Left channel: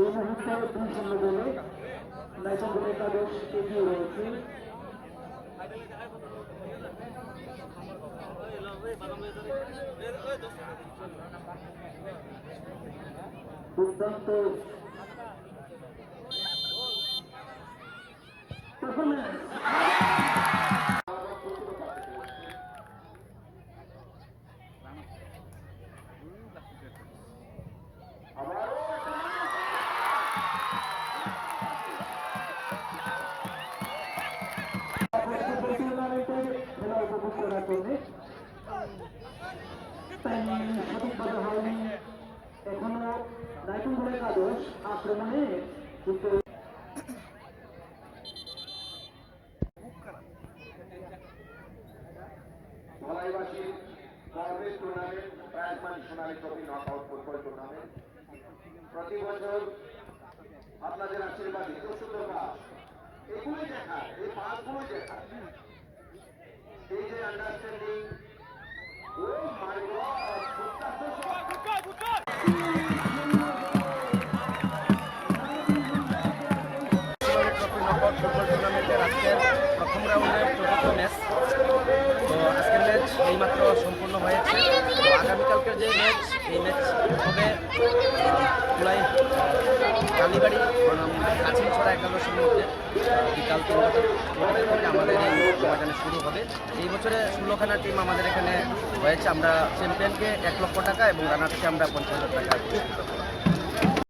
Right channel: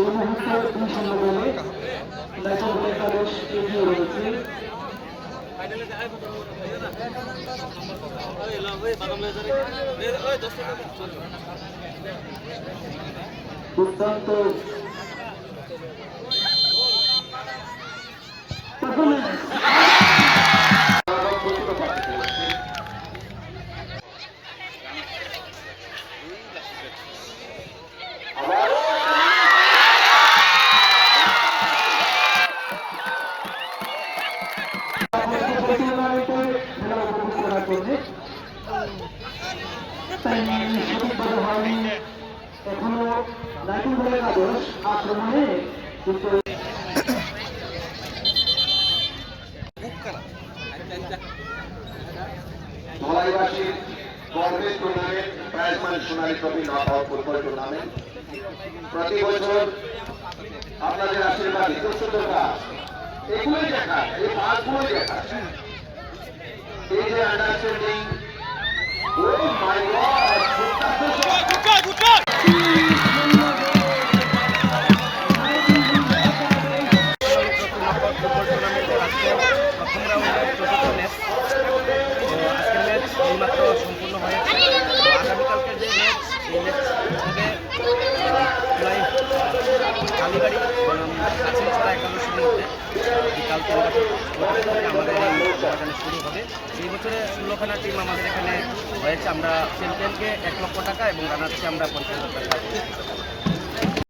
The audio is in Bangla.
এই মুহূর্তে 2-0 গোলে নাইটন একাদশ এগিয়ে রয়েছে। দুর্দান্ত এখনো নাইটন একাদশ আক্রমণে কিন্তু ধলাইবাসীর গর্বের টুর্নামেন্ট প্রাইজমানি সোনালী ট্রফি নকআউট ফুটবল টুর্নামেন্ট প্রতি বছর আপনাদের আশীর্বাদ ইতস্ততা এগুলোই দেখা, এই মাঠগুলোই দেখা, এই যে আন্ডারস্ট্যান্ডিং ও মাই গড ফুটবল টুর্নামেন্টের আজকে প্রথম রাউন্ডের চতুর্থ ম্যাচ। তো আজকের ম্যাচ এইমাত্র সম্পূর্ণ হয়েছে। তো আগামীকালকের যে ম্যাচ, এই ম্যাচ হবে জুলাই কালীবাড়ি কাছিমছড়া একাদশের মধ্যে বিকাল 3টা থেকে আমাদের এই ময়দানে শুরু হবে। এই বছরে 16খানা টিম আমাদের এখানে হয়েছে। আমরা চ্যাম্পিয়নকে 1 লক্ষ টাকা এবং রানার্সকে আমরা 50,000 টাকা পুরস্কৃত করব।